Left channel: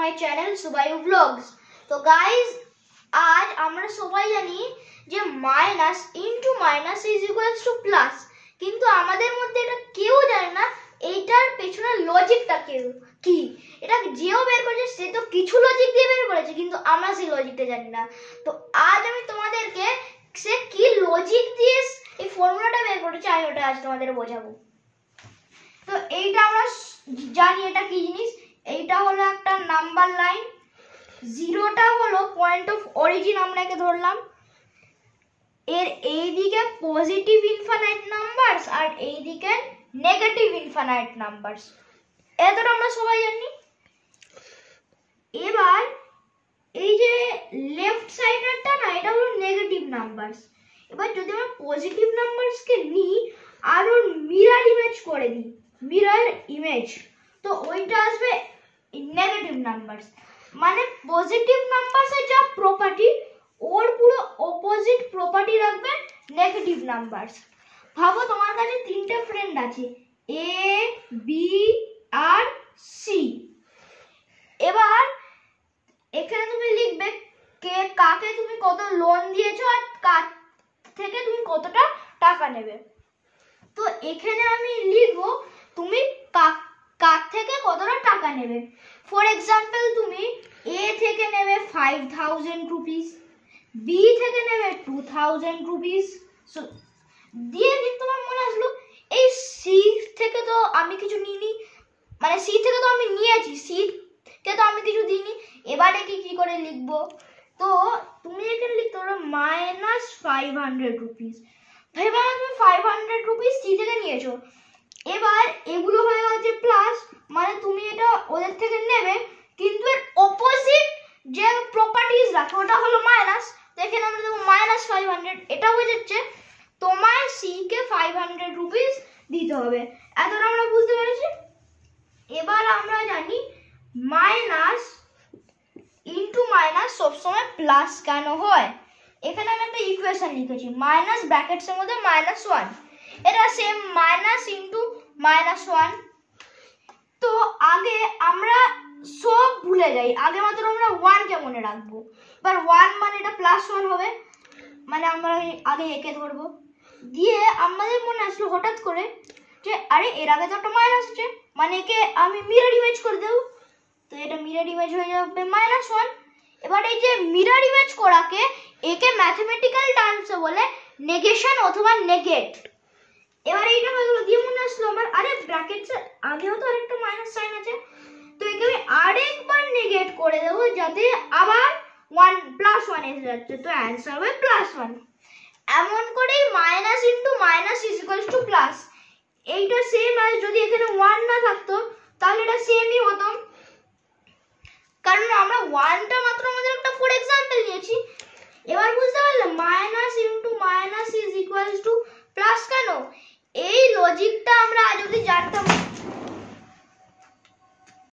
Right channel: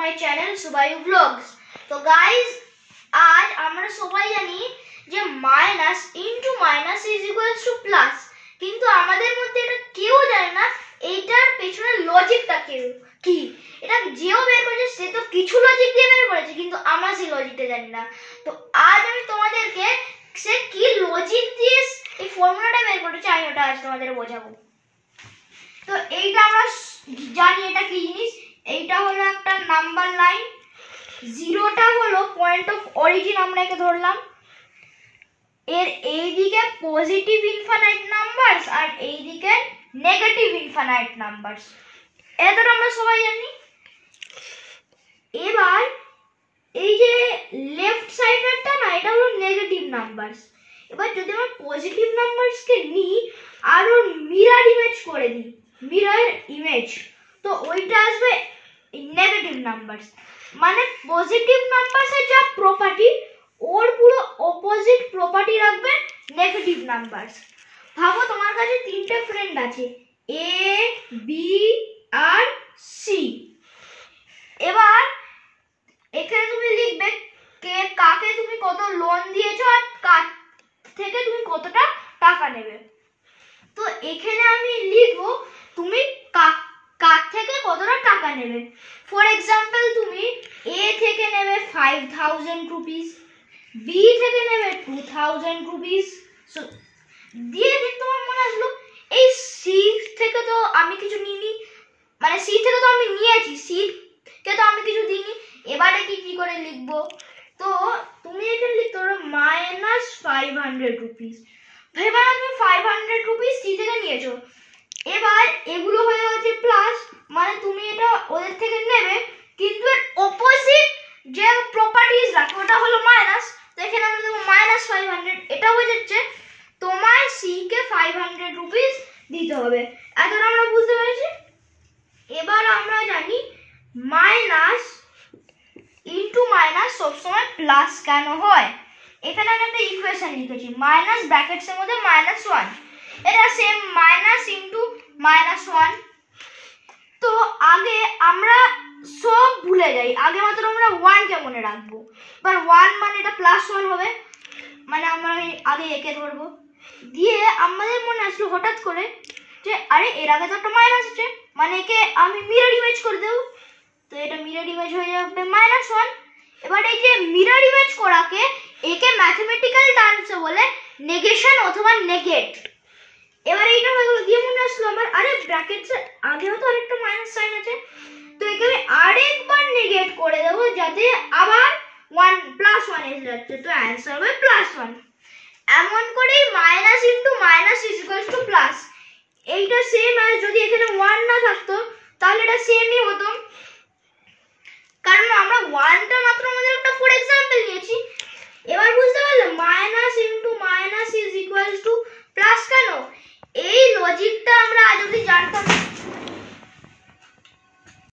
my channel Subayu Vlogs. তো guys, আজ আমরা সবাই জানি যে minus into minus is equals to plus, কিন্তু আমাদের মধ্যে এটা কেউ জানে না এইটার পেছনে লজিকটা কি। এটা যেও বের করেছে সে তো কিছু লজিক দিয়ে বের করেছে, কিন্তু আমরা সেই লজিকটা জানি না। তো আজ আমি তোমাদেরকে সে কি লজিক দিয়ে এই ফর্মুলাটা বের করেছে আমি ওটা আজ তোমাদের বোঝাবো। তো এইটা আমরা জানি এটা কি জিনিস। এইটা হলো একটা নাম্বার লাইন, জিরোটা হলো পয়েন্ট অফ অরিজিন, আমরা একে ধরলাম। এর এইদিকে পজিটিভ ইনফিনিট নাম্বারস আর এইদিকে নেগেটিভ ইনফিনিট নাম্বারস, এটা আমরা সবাই জানি। এবার এই যে লেফট সাইডেরটা না, এটা হলো নেগেটিভ নাম্বারস। এবার যদি আমরা পজিটিভ নাম্বারসকে নিই আর ওর মিরর ইমেজ করে দিই, মিরর ইমেজ, তো ওইটা আসবে নেগেটিভ নাম্বারস। মানে পজিটিভ নাম্বারসের যা প্রপার্টি ওর পুরো অপোজিট প্রপার্টি রাখবে নেগেটিভ নাম্বারস। ভাবো তোমার কাছে তিনটে ফ্রেন্ড আছে, এ বি আর সি। এবার এখানে তুমি লিখবে কে কাকে তুমি কত লোন দিয়েছো আর কার থেকে তুমি কতটা টাকা নেবে। তো এখানে আমি লিখবো তুমি কার থেকে কতটা টাকা নেবে। ফর এক্সাম্পল তুমি এ থেকে নেবে 5000 রুপিস, বি থেকে নেবে 2000 রুপিস। দিয়ে তোমার মনে আসলো এই সি থেকে তো আমি কিছু নিইনি, মানে সি থেকে তো আমি নিয়েছি, সি কে তো আমি কিছু দিইনি। এবারে কি করে লিখবো, তো তুমি এখানে লিখতে পারো মাইনাস 500 রুপিস। এবার তুমি 500 রুপিস সি থেকে নিয়েছো। এবার এগুলো হয়ে গেছে প্লাস, মানে তুমি এটা ওদের থেকে নেবে, কিন্তু এর অপোজিট যে প্রপার্টিজ রাখে ওটা হলো মাইনাস। তো এখানে আমরা দেবো মাইনাস 500। এটা বোঝাচ্ছে তোমার সি কে 500 রুপিস দিতে হবে। এখন আমরা বুঝতে পেরেছি। এবার আমরা জানি মাইনাস ইনটু মাইনাস সবসময় প্লাস কেন হয়। এখানে আমি একটা ইকুয়েশন লিখেছি, মাইনাস ব্র্যাকেটসের মধ্যে -1, এটা সেম মাইনাস ইনটু -1। তো আগে আমরা সব ভুলে যাই, আগে মাত্র আমরা 1 কে মনে রাখবো। এবার 1 মানে এটা +1 হবে, মানে আমরা আগে একে ধরবো। দিয়ে আমাদের মনে আসলো হঠাৎ করে যে আরে এর আগে তো একটা মাইনাস আছে, মানে একে আমি মিরর ইমেজ করে দেবো। তো এটা মিরর ইমেজ হয়ে যাবে -1। এবার এই যে মিরর ইমেজ করাকে একে ম্যাথমেটিক্যাল টার্মসে বলে নেগেশন অথবা নেগেট। এবার এইটা হয়ে গেল। দিয়ে মনে আসলো আমার আরে ব্র্যাকেটসের আগেও তো আরেকটা মাইনাস সাইন আছে, তো একে আমি আরেকবার নেগেট করে দেবো যাতে আবার 1 +1 এসে যাচ্ছে। তো অ্যান্সার হবে +1। এমন করেই minus into minus is equals to plus. এইটা সেম আর যদি এখানে 1 না থাকতো তাহলে এটা সেমই হতো, কারণ আমরা 1টা মাত্র আমাদের একটা ফর এক্সাম্পল নিয়েছি। এবার বুঝতে পারলে minus into minus is equals to plus কেন। এই লজিকটা আমরা আজ অবধি জানতাম না।